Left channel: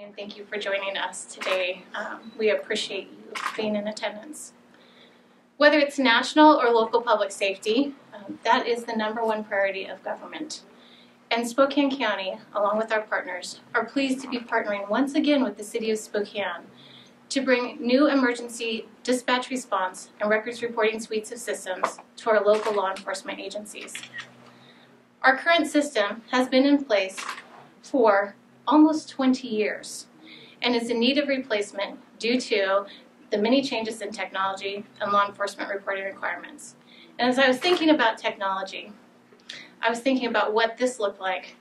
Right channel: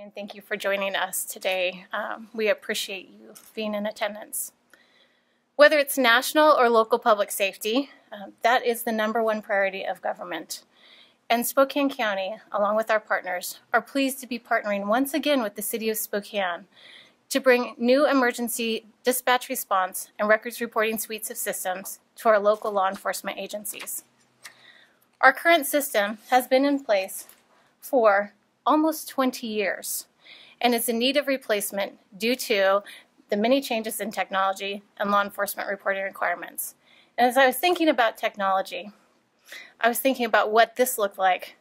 And thank you for joining us today. We appreciate you being in attendance. Whether it's national or local public safety, that is the #1 priority of government. And Spokane County, along with our partners, are pleased to be partnering once again with the City of Spokane to bring new emergency dispatch response and records reporting suites of systems to our local law enforcement agencies. Our current system has been in place for almost 20 years and is in need of replacement due to the many changes in technology and law enforcement reporting requirements. And as I was thinking about technology, I was thinking about what this looked like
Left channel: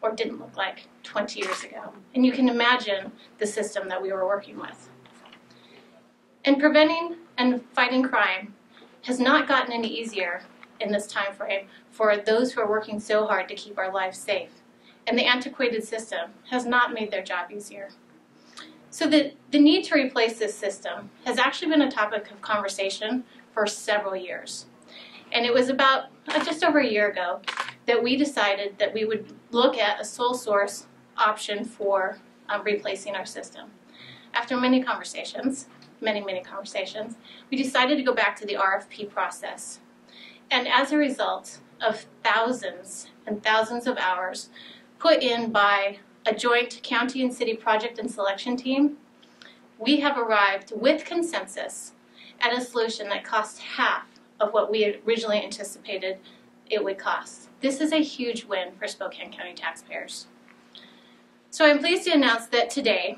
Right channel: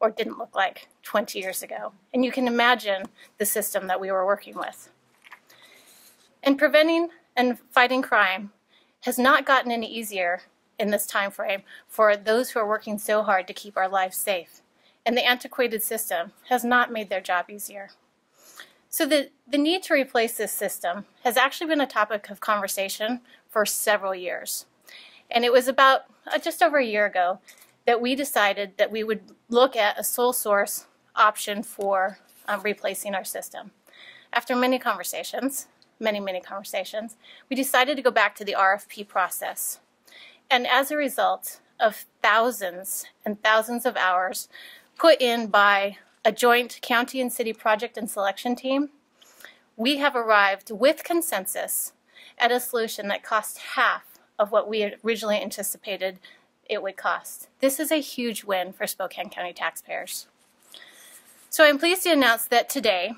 or didn't look like 20 years ago. And you can imagine the system that we were working with. And preventing and fighting crime has not gotten any easier in this time frame for those who are working so hard to keep our lives safe. And the antiquated system has not made their job easier. So the need to replace this system has actually been a topic of conversation for several years. And it was about just over a year ago that we decided that we would look at a sole source option for replacing our system. After many conversations, many conversations, we decided to go back to the RFP process. And as a result of thousands and thousands of hours put in by a joint county and city project and selection team, we have arrived with consensus at a solution that costs half of what we originally anticipated it would cost. This is a huge win for Spokane County taxpayers. So I'm pleased to announce that today,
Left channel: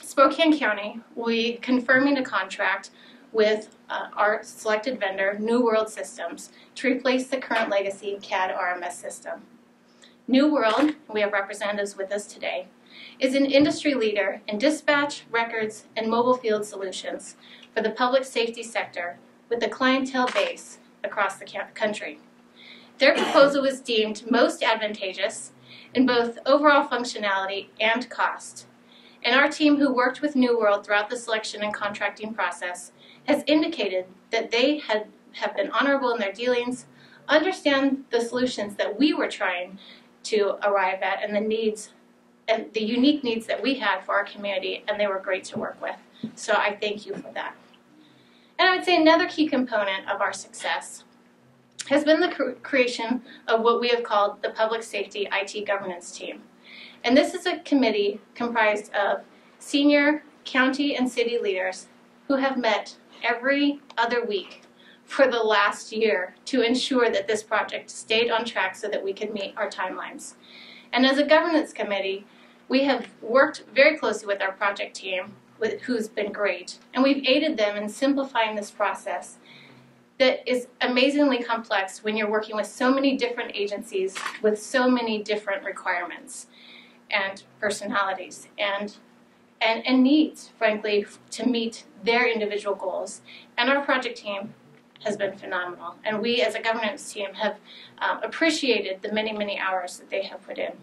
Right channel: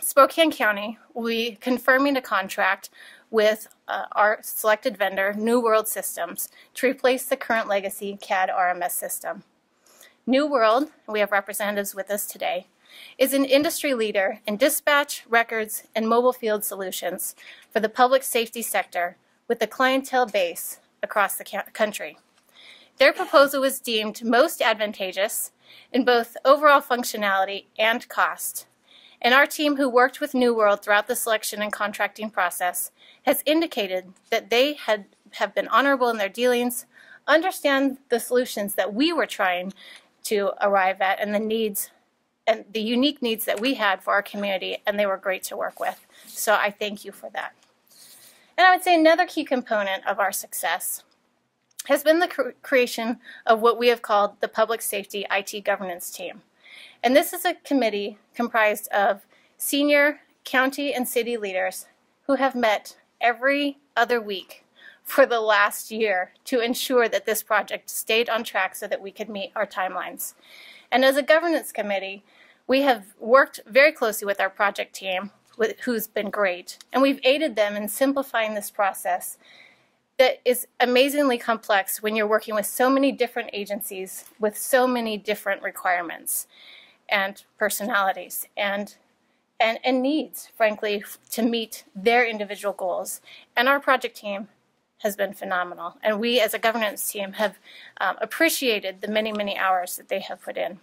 Spokane County will be confirming a contract with our selected vendor, New World Systems, to replace the current legacy CAD RMS system. New World, we have representatives with us today, is an industry leader in dispatch, records, and mobile field solutions for the public safety sector with a clientele base across the country. Their proposal was deemed most advantageous in both overall functionality and cost. And our team, who worked with New World throughout the selection and contracting process, has indicated that they have been honorable in their dealings, understand the solutions that we were trying to arrive at, and the needs and the unique needs that we had for our community, and they were great to work with. So I thank you for that. And I would say another key component of our success has been the creation of what we have called the Public Safety IT Governance Team. And this is a committee comprised of senior county and city leaders who have met every other week for the last year to ensure that this project stayed on track so that we could meet our timelines. And as a governance committee, we have worked very closely with our project team, who's been great, and we've aided them in simplifying this process that is amazingly complex when you're working with so many different agencies with so many different requirements and personalities and needs, frankly, to meet their individual goals. And our project team has been phenomenal. And we, as a governance team, have appreciated the many hours that they have put in.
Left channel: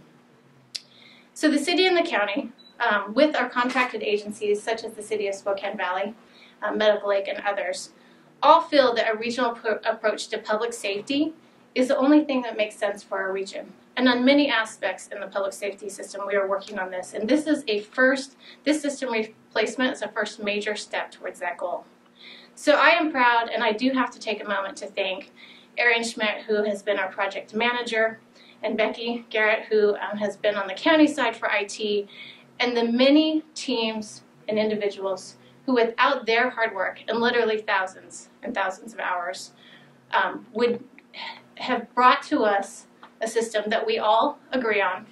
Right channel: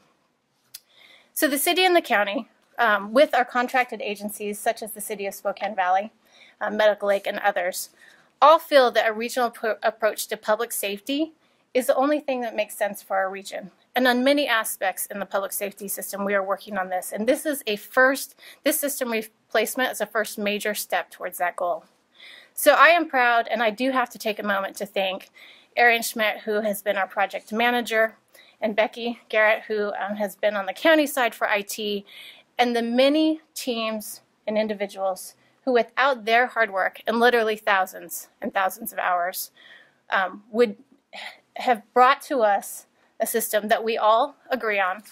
So the city and the county, with our contracted agencies, such as the City of Spokane Valley, Medical Lake, and others, all feel that a regional approach to public safety is the only thing that makes sense for our region. And on many aspects in the public safety system, we are working on this. And this is this system replacement is a first major step towards that goal. So I am proud, and I do have to take a moment to thank Arian Schmidt, who has been our project manager, and Becky Garrett, who has been on the county side for IT, and the many teams and individuals who, without their hard work, and literally thousands and thousands of hours, would have brought to us a system that we all agree on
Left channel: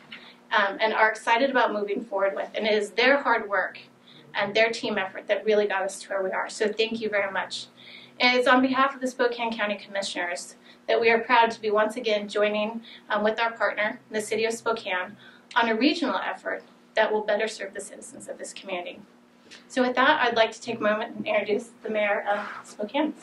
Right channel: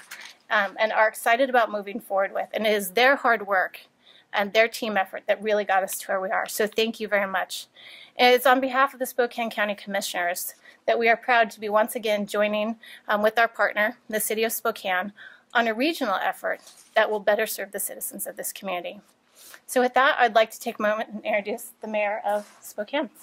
and are excited about moving forward with. And it is their hard work and their team effort that really got us to where we are. So thank you very much. And it's on behalf of the Spokane County Commissioners that we are proud to be once again joining with our partner, the City of Spokane, on a regional effort that will better serve the citizens of this community. So with that, I'd like to take a moment and introduce the Mayor of Spokane.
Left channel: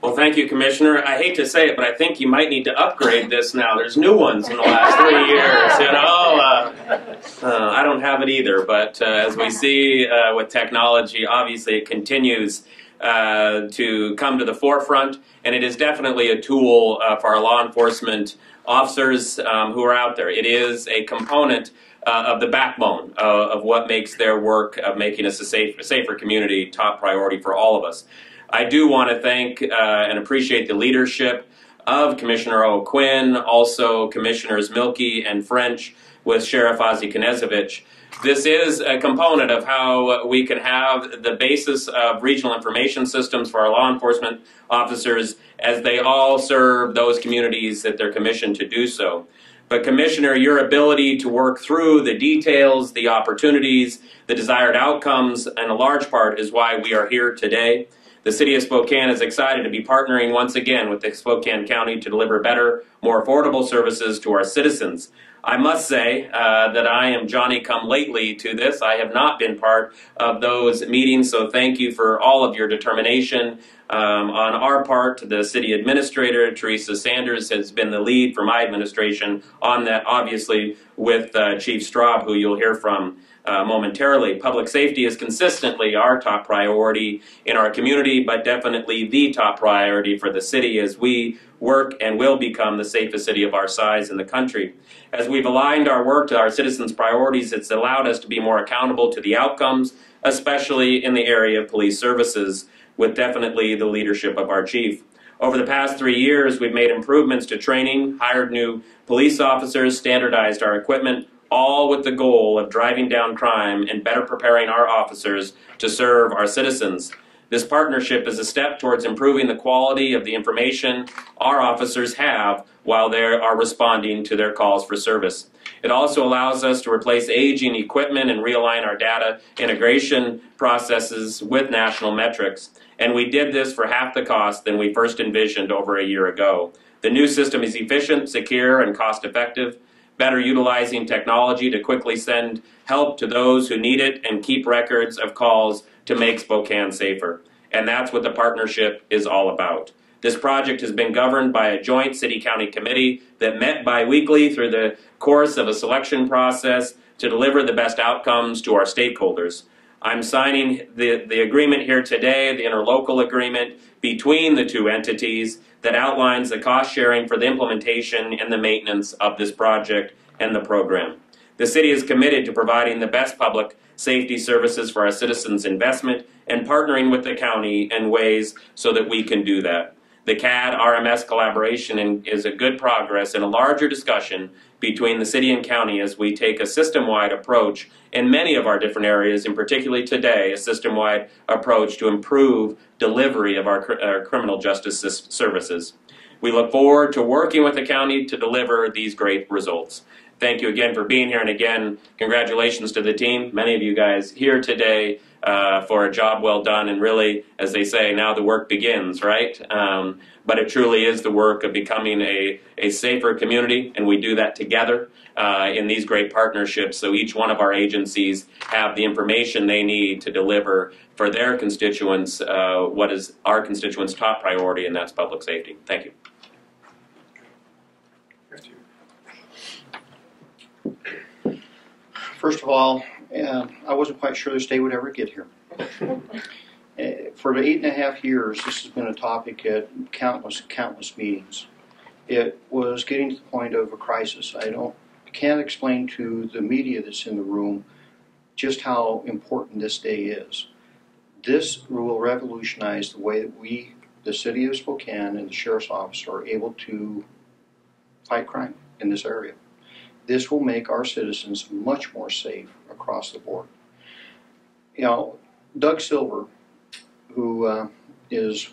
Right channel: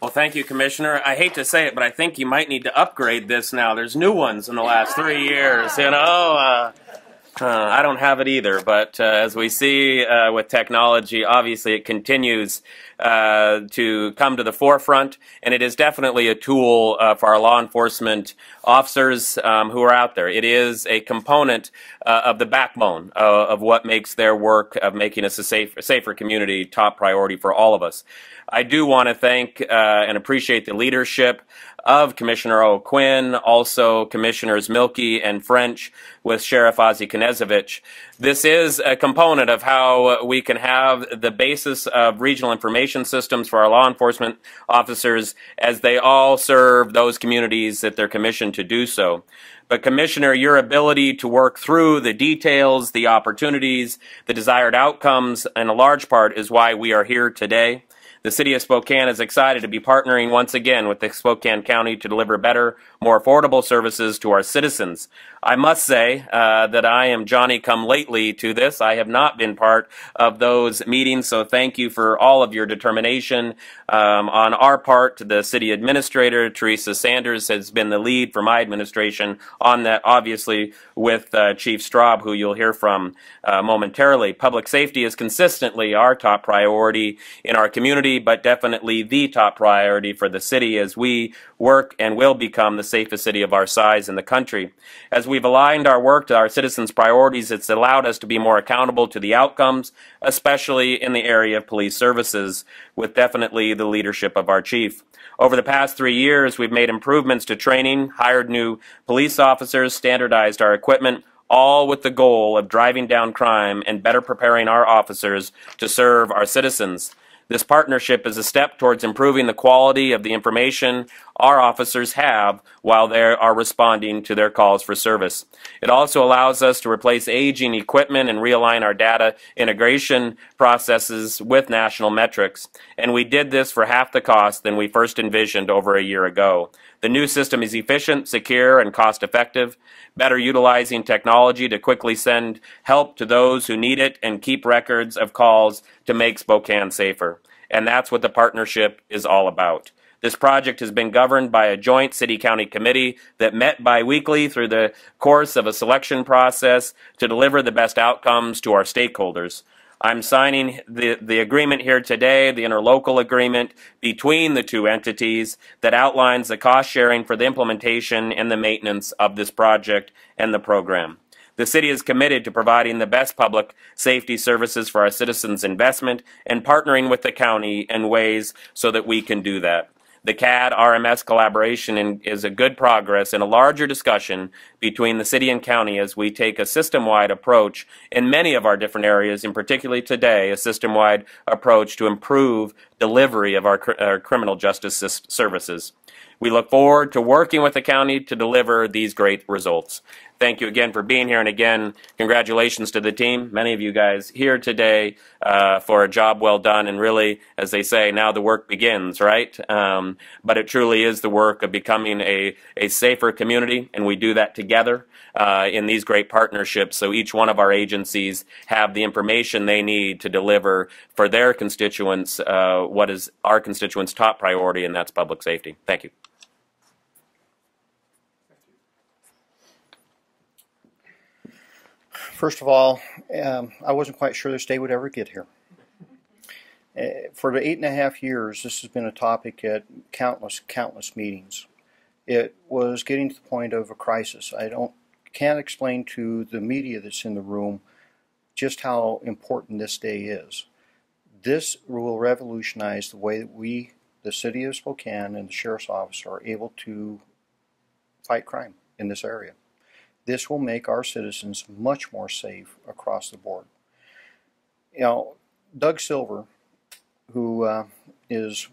Well, thank you, Commissioner. I hate to say it, but I think you might need to upgrade this now. There's new ones in the last 3 years, you know. I don't have it either, but as we see with technology, obviously it continues to come to the forefront, and it is definitely a tool for our law enforcement officers who are out there. It is a component of the backbone of what makes their work of making us a safer community top priority for all of us. I do want to thank and appreciate the leadership of Commissioner O'Quinn, also Commissioners Milkey and French with Sheriff Ozzie Knezovich. This is a component of how we can have the basis of regional information systems for our law enforcement officers as they all serve those communities that they're commissioned to do so. But Commissioner, your ability to work through the details, the opportunities, the desired outcomes, in a large part is why we are here today. The City of Spokane is excited to be partnering once again with the Spokane County to deliver better, more affordable services to our citizens. I must say that I am Johnny-come-lately to this. I have not been part of those meetings, so thank you for all of your determination. On our part, the City Administrator, Teresa Sanders, has been the lead for my administration on that, obviously, with Chief Straub, who you'll hear from momentarily. Public safety is consistently our top priority in our community, but definitely the top priority for the city as we work and will become the safest city of our size in the country. As we've aligned our work to our citizens' priorities, it's allowed us to be more accountable to the outcomes, especially in the area of police services, with definitely the leadership of our chief. Over the past 3 years, we've made improvements to training, hired new police officers, standardized our equipment, all with the goal of driving down crime and better preparing our officers to serve our citizens. This partnership is a step towards improving the quality of the information our officers have while they are responding to their calls for service. It also allows us to replace aging equipment and realign our data integration processes with national metrics. And we did this for half the cost than we first envisioned over a year ago. The new system is efficient, secure, and cost-effective, better utilizing technology to quickly send help to those who need it and keep records of calls to make Spokane safer. And that's what the partnership is all about. This project has been governed by a joint city-county committee that met bi-weekly through the course of a selection process to deliver the best outcomes to our stakeholders. I'm signing the agreement here today, the interlocal agreement between the two entities that outlines the cost sharing for the implementation and the maintenance of this project and the program. The city is committed to providing the best public safety services for our citizens' investment and partnering with the county in ways so that we can do that. The CAD RMS collaboration is a good progress in a larger discussion between the city and county as we take a system-wide approach in many of our different areas, and particularly today, a system-wide approach to improve delivery of our criminal justice services. We look forward to working with the county to deliver these great results. Thank you again for being here, and again, congratulations to the team. Many of you guys here today for a job well done, and really, as they say, now the work begins, right? But it truly is the work of becoming a safer community, and we do that together in these great partnerships, so each one of our agencies have the information they need to deliver for their constituents what is our constituents' top priority, and that's public safety. Thank you. First of all, I wasn't quite sure this day would ever get here. For the 8.5 years, this has been a topic at countless meetings. It was getting to the point of a crisis. Can't explain to the media that's in the room just how important this day is. This will revolutionize the way that we, the City of Spokane and the Sheriff's Office, are able to fight crime in this area. This will make our citizens much more safe across the board. You know, Doug Silver, who is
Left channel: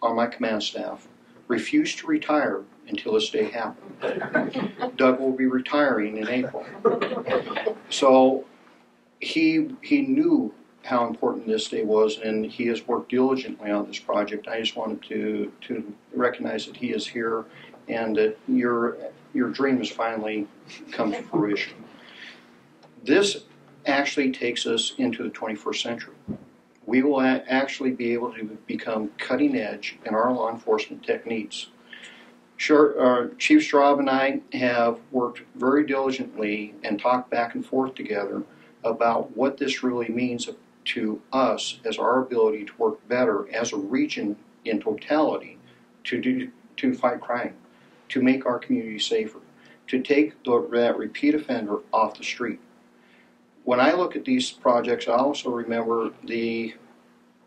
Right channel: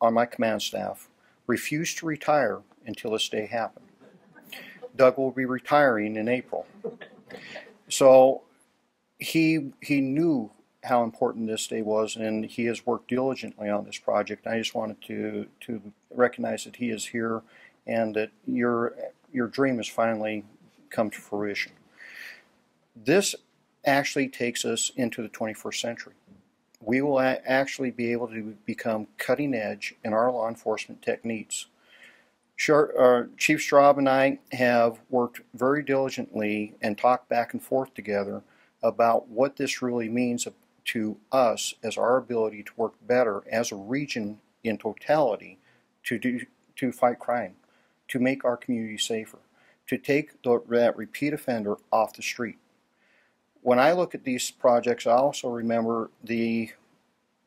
on my command staff, refused to retire until this day happened. Doug will be retiring in April. So he knew how important this day was, and he has worked diligently on this project. I just wanted to recognize that he is here and that your dream has finally come to fruition. This actually takes us into the 21st century. We will actually be able to become cutting edge in our law enforcement techniques. Sure, Chief Straub and I have worked very diligently and talked back and forth together about what this really means to us as our ability to work better as a region in totality to fight crime, to make our community safer, to take that repeat offender off the street. When I look at these projects, I also remember the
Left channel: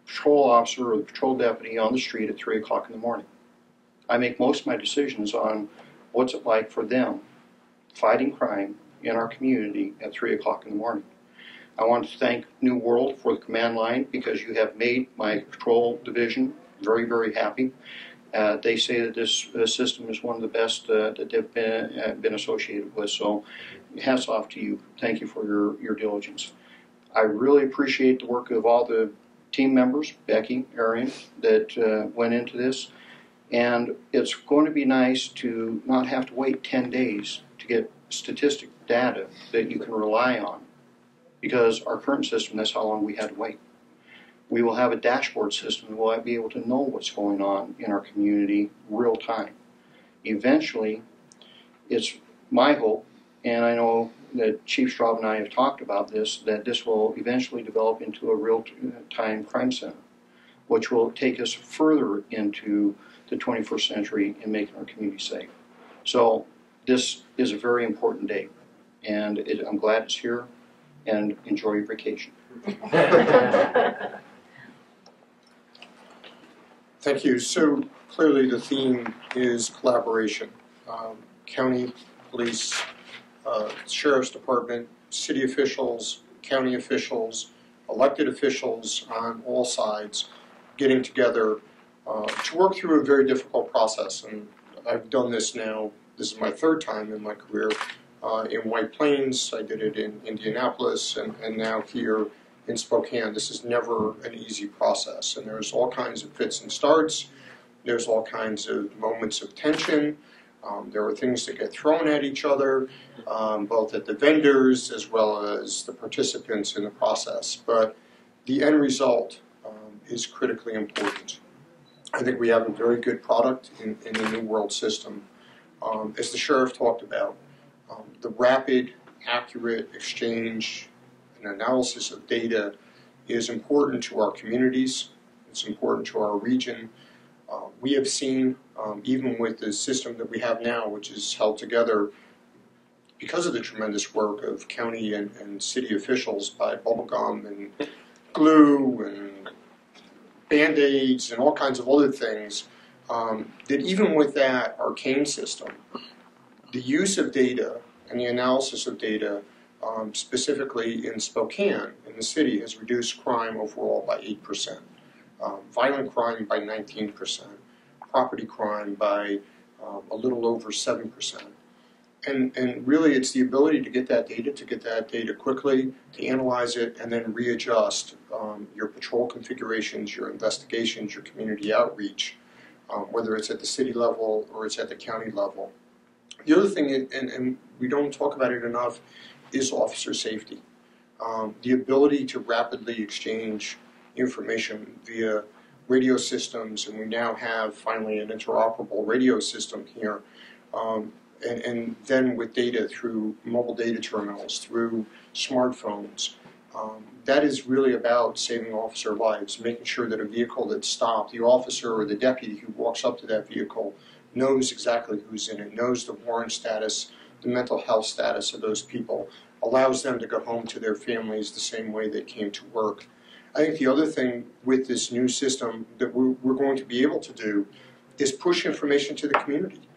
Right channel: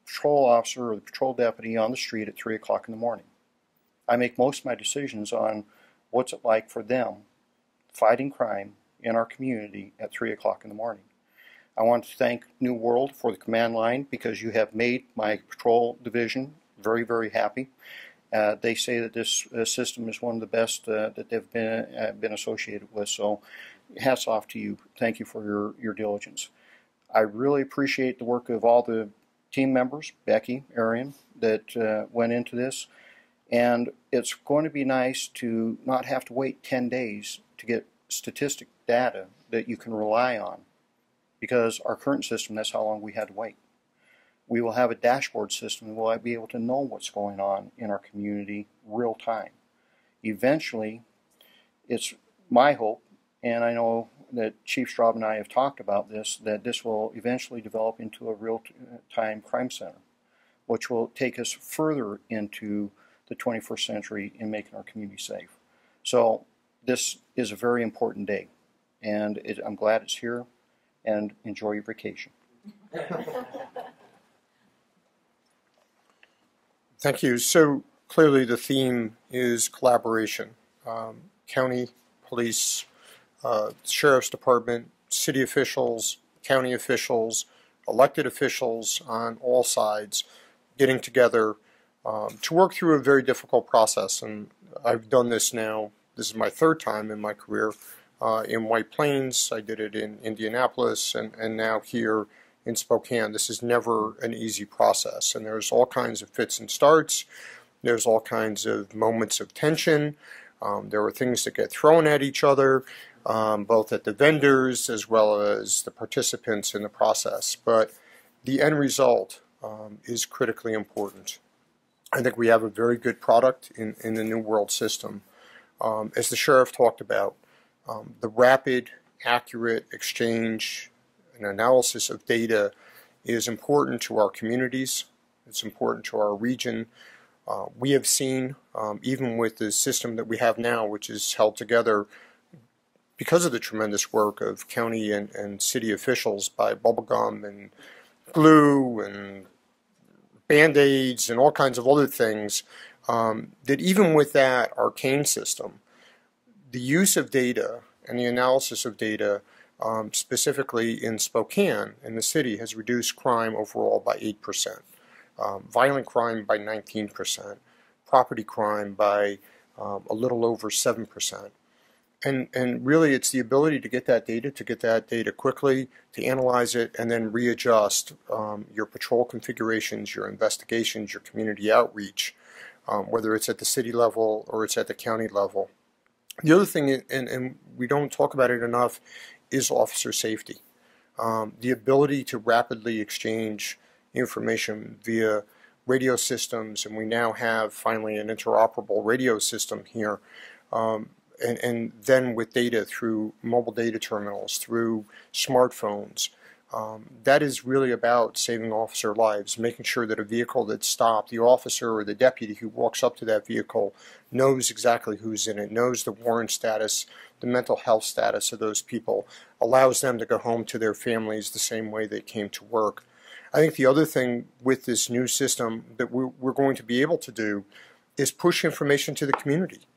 patrol officer or the patrol deputy on the street at 3 o'clock in the morning. I make most of my decisions on what's it like for them fighting crime in our community at 3 o'clock in the morning. I want to thank New World for the command line because you have made my patrol division very, very happy. They say that this system is one of the best that they've been associated with, so hats off to you. Thank you for your diligence. I really appreciate the work of all the team members, Becky, Arian, that went into this, and it's going to be nice to not have to wait 10 days to get statistic data that you can rely on, because our current system, that's how long we had to wait. We will have a dashboard system that will be able to know what's going on in our community real time. Eventually, it's my hope, and I know that Chief Straub and I have talked about this, that this will eventually develop into a real-time crime center, which will take us further into the 21st century in making our community safe. So this is a very important day, and I'm glad it's here, and enjoy your vacation. Thank you. So clearly the theme is collaboration. County, police, sheriff's department, city officials, county officials, elected officials on all sides getting together to work through a very difficult process. And I've done this now, this is my third time in my career in White Plains. I did it in Indianapolis and now here in Spokane. This is never an easy process, and there's all kinds of fits and starts. There's all kinds of moments of tension. There are things that get thrown at each other, both at the vendors as well as the participants in the process. But the end result is critically important. I think we have a very good product in the New World system. As the sheriff talked about, the rapid, accurate exchange and analysis of data is important to our communities. It's important to our region. We have seen, even with the system that we have now, which is held together because of the tremendous work of county and city officials by bubblegum and glue and Band-Aids and all kinds of other things, that even with that arcane system, the use of data and the analysis of data specifically in Spokane, in the city, has reduced crime overall by 8%, violent crime by 19%, property crime by a little over 7%. And really it's the ability to get that data quickly, to analyze it, and then readjust your patrol configurations, your investigations, your community outreach, whether it's at the city level or it's at the county level. The other thing, and we don't talk about it enough, is officer safety. The ability to rapidly exchange information via radio systems, and we now have finally an interoperable radio system here, and then with data through mobile data terminals, through smartphones. That is really about saving officer lives, making sure that a vehicle that's stopped, the officer or the deputy who walks up to that vehicle knows exactly who's in it, knows the warrant status, the mental health status of those people, allows them to go home to their families the same way they came to work. I think the other thing with this new system that we're going to be able to do is push information to the community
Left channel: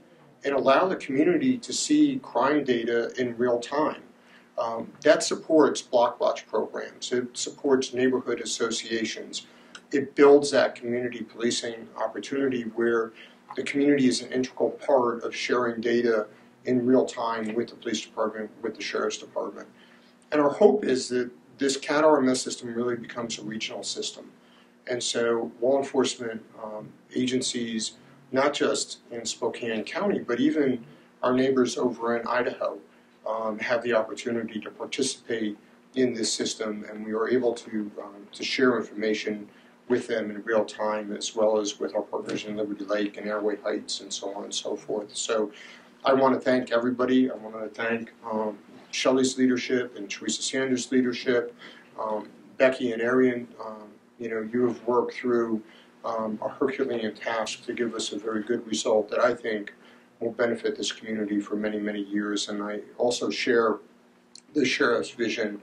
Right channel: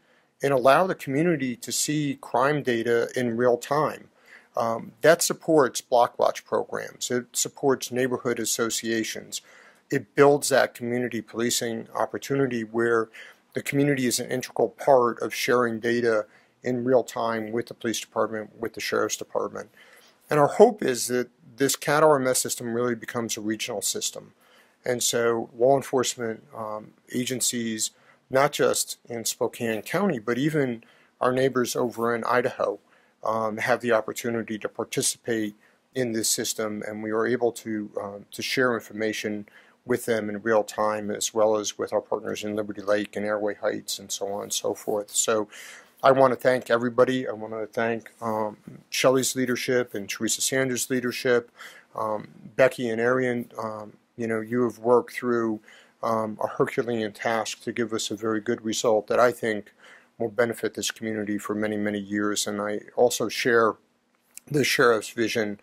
and allow the community to see crime data in real time. That supports block watch programs. It supports neighborhood associations. It builds that community policing opportunity where the community is an integral part of sharing data in real time with the police department, with the sheriff's department. And our hope is that this CAT RMS system really becomes a regional system. And so law enforcement agencies, not just in Spokane County, but even our neighbors over in Idaho, have the opportunity to participate in this system, and we are able to share information with them in real time, as well as with our partners in Liberty Lake and Airway Heights and so on and so forth. So I want to thank everybody. I want to thank Shelley's leadership and Teresa Sanders' leadership, Becky and Arian, you have worked through a Herculean task to give us a very good result that I think will benefit this community for many, many years. And I also share the Sheriff's vision,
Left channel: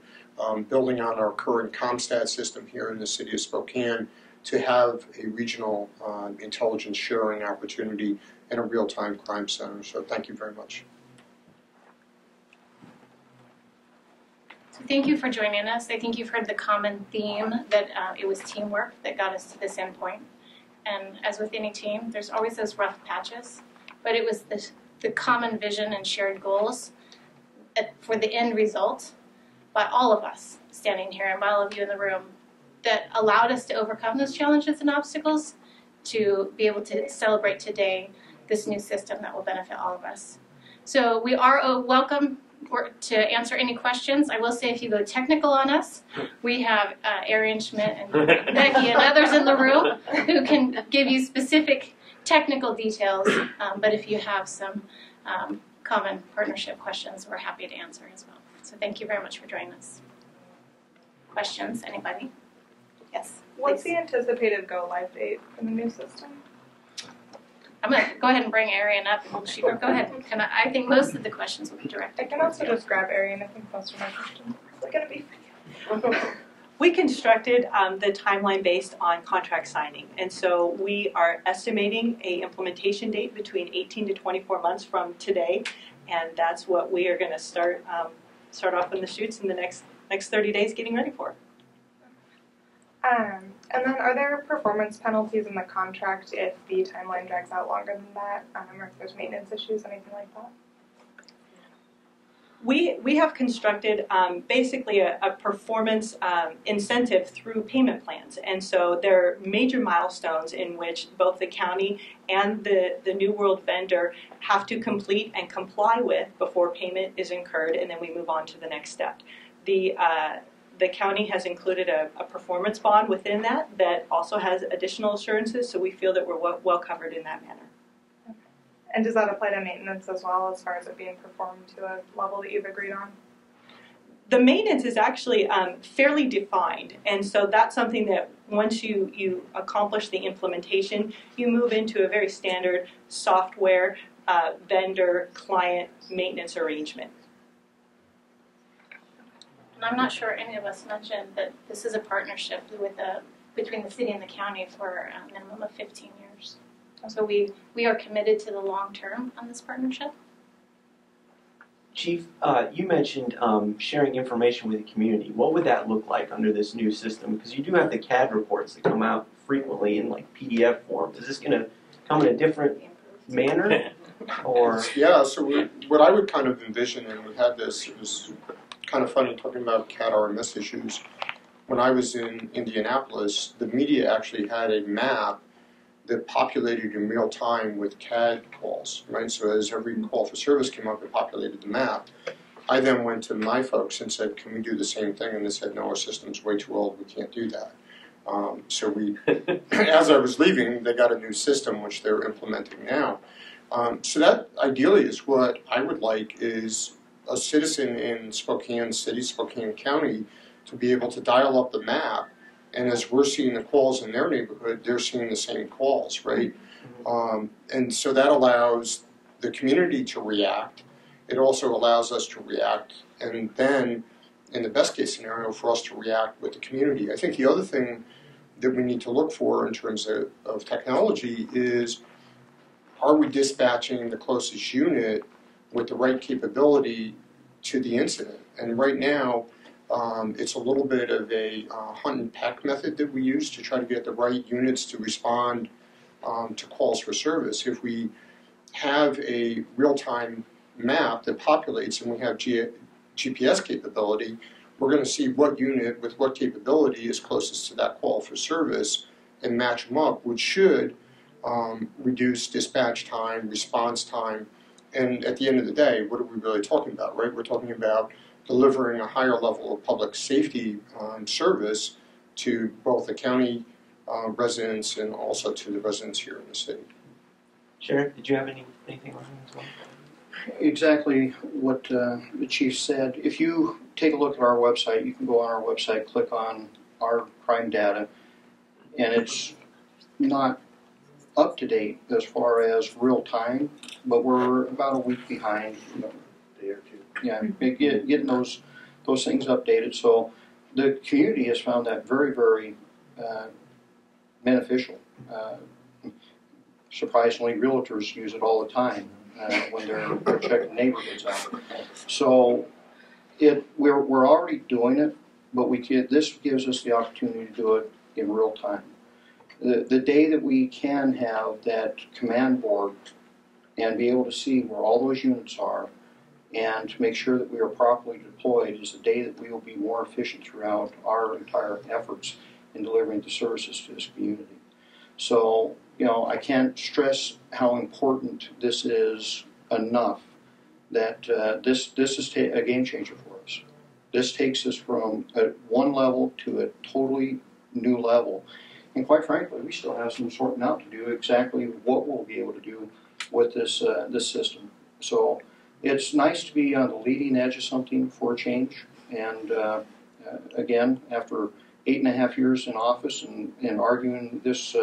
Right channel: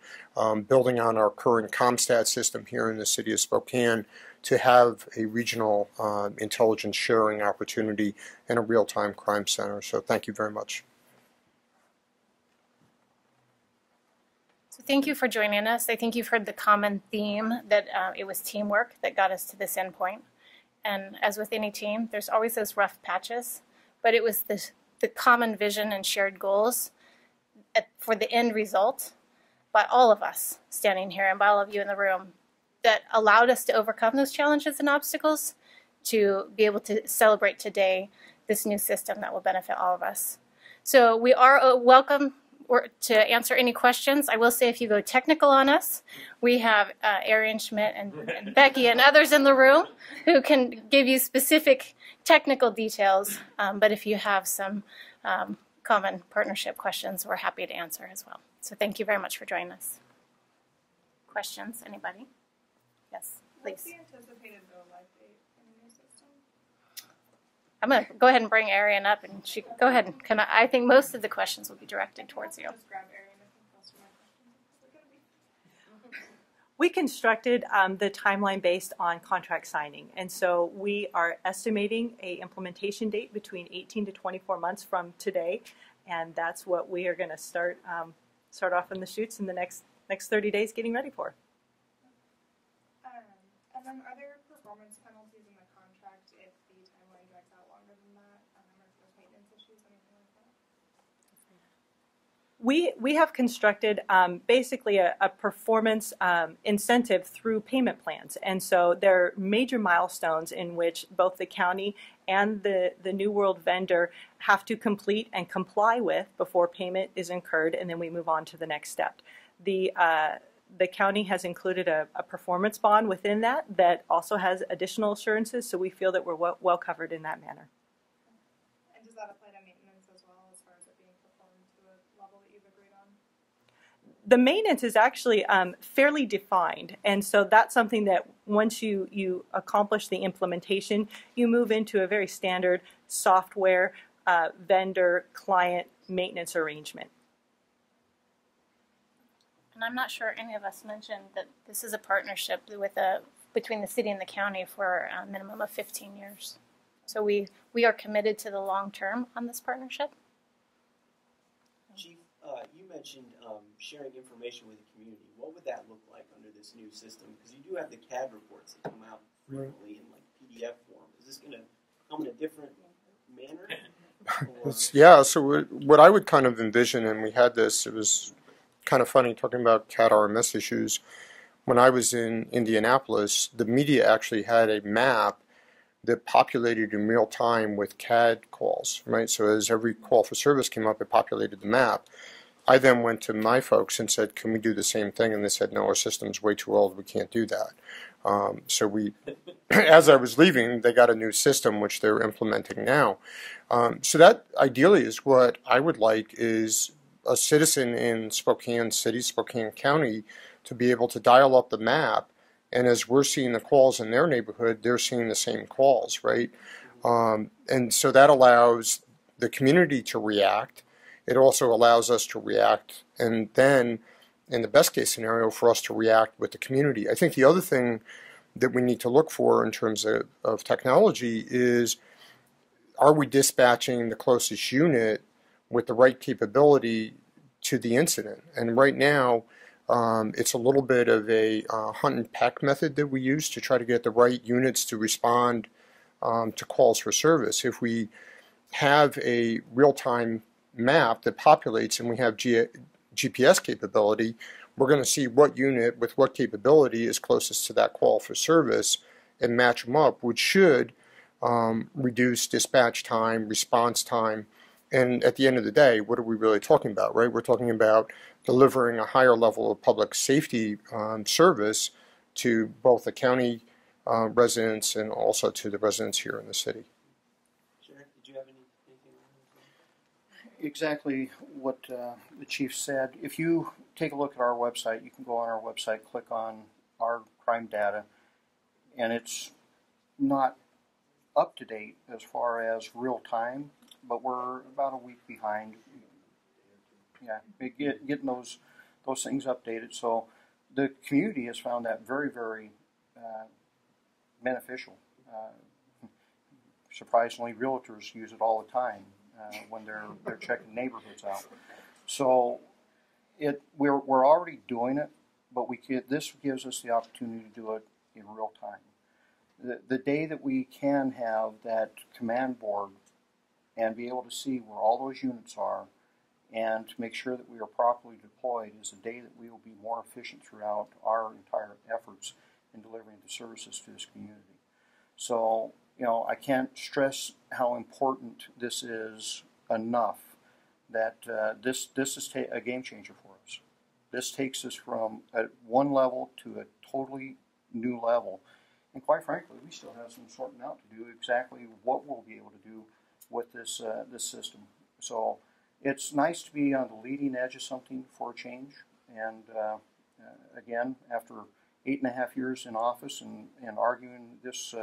building on our current ComStat system here in the city of Spokane, to have a regional intelligence sharing opportunity and a real-time crime center. So thank you very much. Thank you for joining us. I think you've heard the common theme that it was teamwork that got us to this endpoint. And as with any team, there's always those rough patches, but it was the common vision and shared goals for the end result by all of us standing here and by all of you in the room that allowed us to overcome those challenges and obstacles to be able to celebrate today this new system that will benefit all of us. So we are welcome to answer any questions. I will say if you go technical on us, we have Arian Schmidt and Becky and others in the room who can give you specific technical details, but if you have some common partnership questions, we're happy to answer as well. So thank you very much for joining us. Questions, anybody? Yes. What's please. the anticipated go-live date for the new system? I'm going to go ahead and bring Arian up. She, go ahead. I think most of the questions will be directed I can towards also you. just grab Arian. I think most of my questions are going to be for you. We constructed the timeline based on contract signing, and so we are estimating a implementation date between 18 to 24 months from today, and that's what we are going to start off in the shoots in the next 30 days getting ready for. And then are there performance penalties in the contract if the timeline drags out longer than that, or if there's maintenance issues, anything like that? We have constructed basically a performance incentive through payment plans, and so there are major milestones in which both the county and the New World vendor have to complete and comply with before payment is incurred, and then we move on to the next step. The county has included a performance bond within that also has additional assurances, so we feel that we're well covered in that manner. Okay. And does that apply to maintenance as well, as far as it being performed to a level that you've agreed on? The maintenance is actually fairly defined, and so that's something that once you accomplish the implementation, you move into a very standard software vendor-client maintenance arrangement. And I'm not sure any of us mentioned that this is a partnership between the city and the county for a minimum of 15 years. So we are committed to the long term on this partnership. Chief, you mentioned sharing information with the community. What would that look like under this new system? Because you do have the CAD reports that come out frequently in like PDF form. Is this going to come in a different manner? Or Yeah, so what I would kind of envision, and we had this, it was kind of funny talking about CAD RMS issues. When I was in Indianapolis, the media actually had a map that populated in real time with CAD calls, right? So as every call for service came up, it populated the map. I then went to my folks and said, can we do the same thing? And they said, no, our system's way too old, we can't do that. So we, as I was leaving, they got a new system, which they're implementing now. So that ideally is what I would like, is a citizen in Spokane City, Spokane County, to be able to dial up the map, and as we're seeing the calls in their neighborhood, they're seeing the same calls, right? And so that allows the community to react. It also allows us to react, and then, in the best case scenario, for us to react with the community. I think the other thing that we need to look for in terms of technology is, are we dispatching the closest unit with the right capability to the incident? And right now, it's a little bit of a hunt and peck method that we use to try to get the right units to respond to calls for service. If we have a real-time map that populates and we have GPS capability, we're going to see what unit with what capability is closest to that call for service and match them up, which should reduce dispatch time, response time. And at the end of the day, what are we really talking about, right? We're talking about delivering a higher level of public safety service to both the county residents and also to the residents here in the city. Sheriff, did you have anything on that as well? exactly what the chief said. If you take a look at our website, you can go on our website, click on our crime data, and it's not up to date as far as real time, but we're about a week behind. Day or two. Yeah, getting those things updated. So the community has found that very, very beneficial. Surprisingly, realtors use it all the time when they're checking neighborhoods out. So we're already doing it, but this gives us the opportunity to do it in real time. The day that we can have that command board and be able to see where all those units are and to make sure that we are properly deployed is the day that we will be more efficient throughout our entire efforts in delivering the services to this community. So, I can't stress how important this is enough that this is a game changer for us. This takes us from one level to a totally new level. And quite frankly, we still have some sorting out to do exactly what we'll be able to do with this system. So it's nice to be on the leading edge of something for a change. And again, after 8.5 years in office and arguing this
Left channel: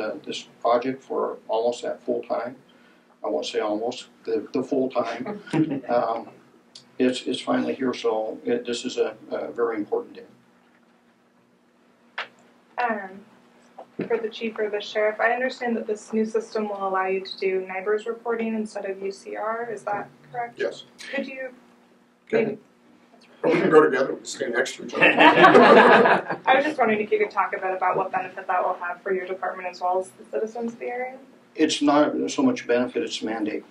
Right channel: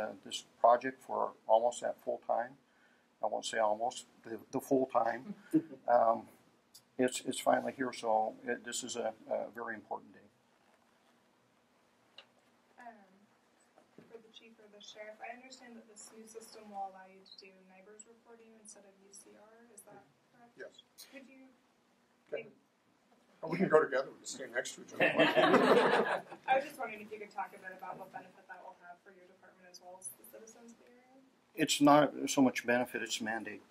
project for almost that full time, I won't say almost, the full time, it's finally here. So this is a very important day. For the chief or the sheriff, I understand that this new system will allow you to do NIBRS reporting instead of UCR. Is that correct? Yes. Could you maybe? We can go together. We stay next to each other. I was just wondering if you could talk a bit about what benefit that will have for your department as well as the citizens of the area. It's not so much benefit; it's a mandate.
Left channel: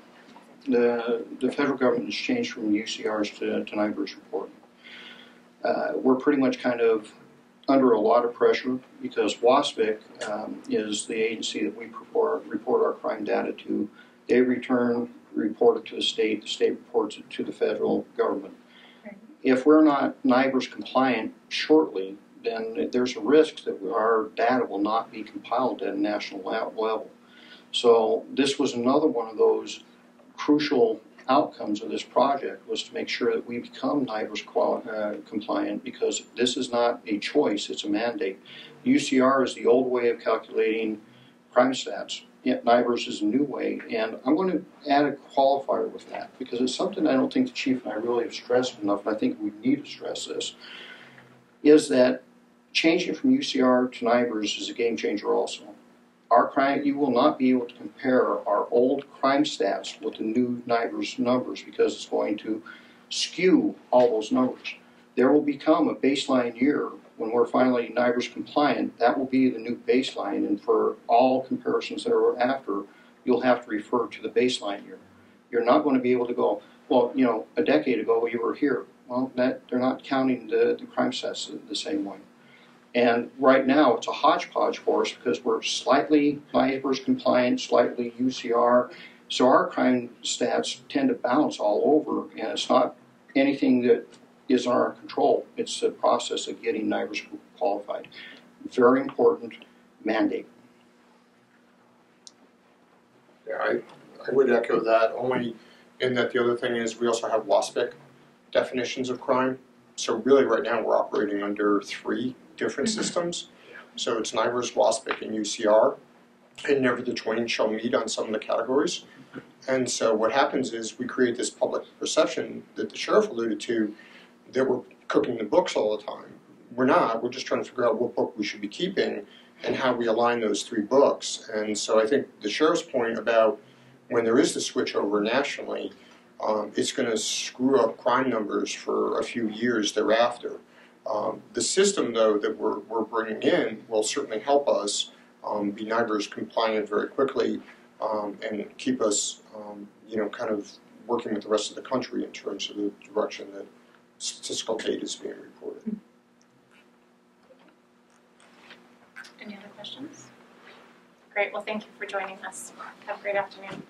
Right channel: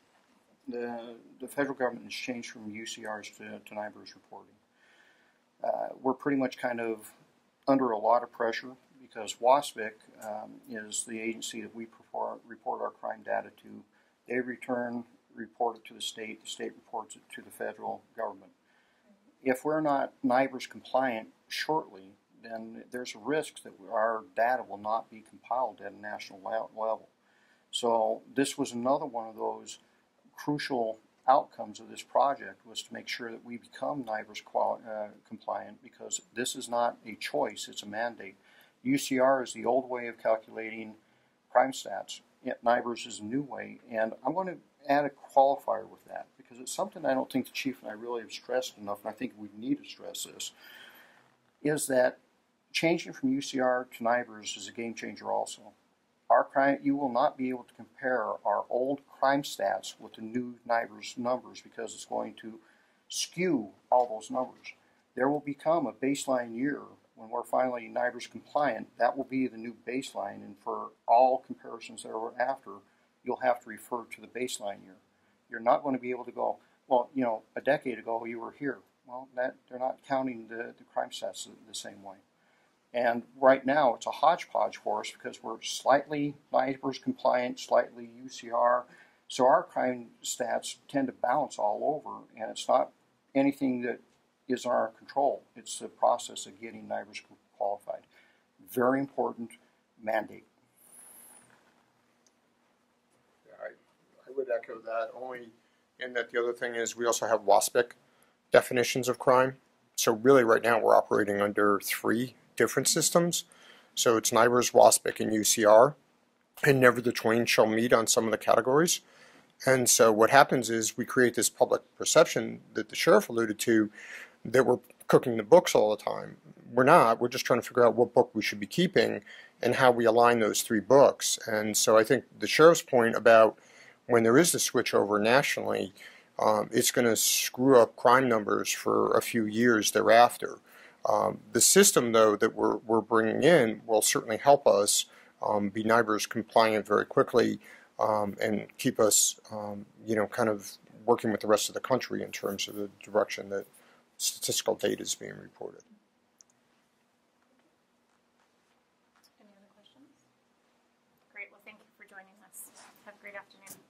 The federal government has changed from UCRs to NIBRS reporting. We're pretty much kind of under a lot of pressure because WASPIC is the agency that we report our crime data to. They report it to the state reports it to the federal government. Right. If we're not NIBRS compliant shortly, then there's a risk that our data will not be compiled at a national level. So this was another one of those crucial outcomes of this project was to make sure that we become NIBRS compliant because this is not a choice, it's a mandate. UCR is the old way of calculating crime stats, yet NIBRS is a new way, and I'm going to add a qualifier with that because it's something I don't think the chief and I really have stressed enough, and I think we need to stress this, is that changing from UCR to NIBRS is a game changer also. You will not be able to compare our old crime stats with the new NIBRS numbers because it's going to skew all those numbers. There will become a baseline year when we're finally NIBRS compliant. That will be the new baseline, and for all comparisons thereafter, you'll have to refer to the baseline year. You're not going to be able to go, well, a decade ago you were here. Well, they're not counting the crime stats the same way. And right now, it's a hodgepodge for us because we're slightly NIBRS compliant, slightly UCR. So our crime stats tend to bounce all over, and it's not anything that is in our control. It's the process of getting NIBRS qualified. Very important mandate. Yeah, I would echo that, only in that the other thing is we also have WASPIC definitions of crime. So really right now we're operating under 3 different systems. So it's NIBRS, WASPIC, and UCR, and never the twain shall meet on some of the categories. And so what happens is we create this public perception that the sheriff alluded to that we're cooking the books all the time. We're not. We're just trying to figure out what book we should be keeping and how we align those 3 books. And so I think the sheriff's point about when there is the switch over nationally, it's going to screw up crime numbers for a few years thereafter. The system, though, that we're bringing in will certainly help us be NIBRS compliant very quickly and keep us, kind of working with the rest of the country in terms of the direction that statistical data is being reported. Any other questions? Great. Well, thank you for joining us. Have a great afternoon.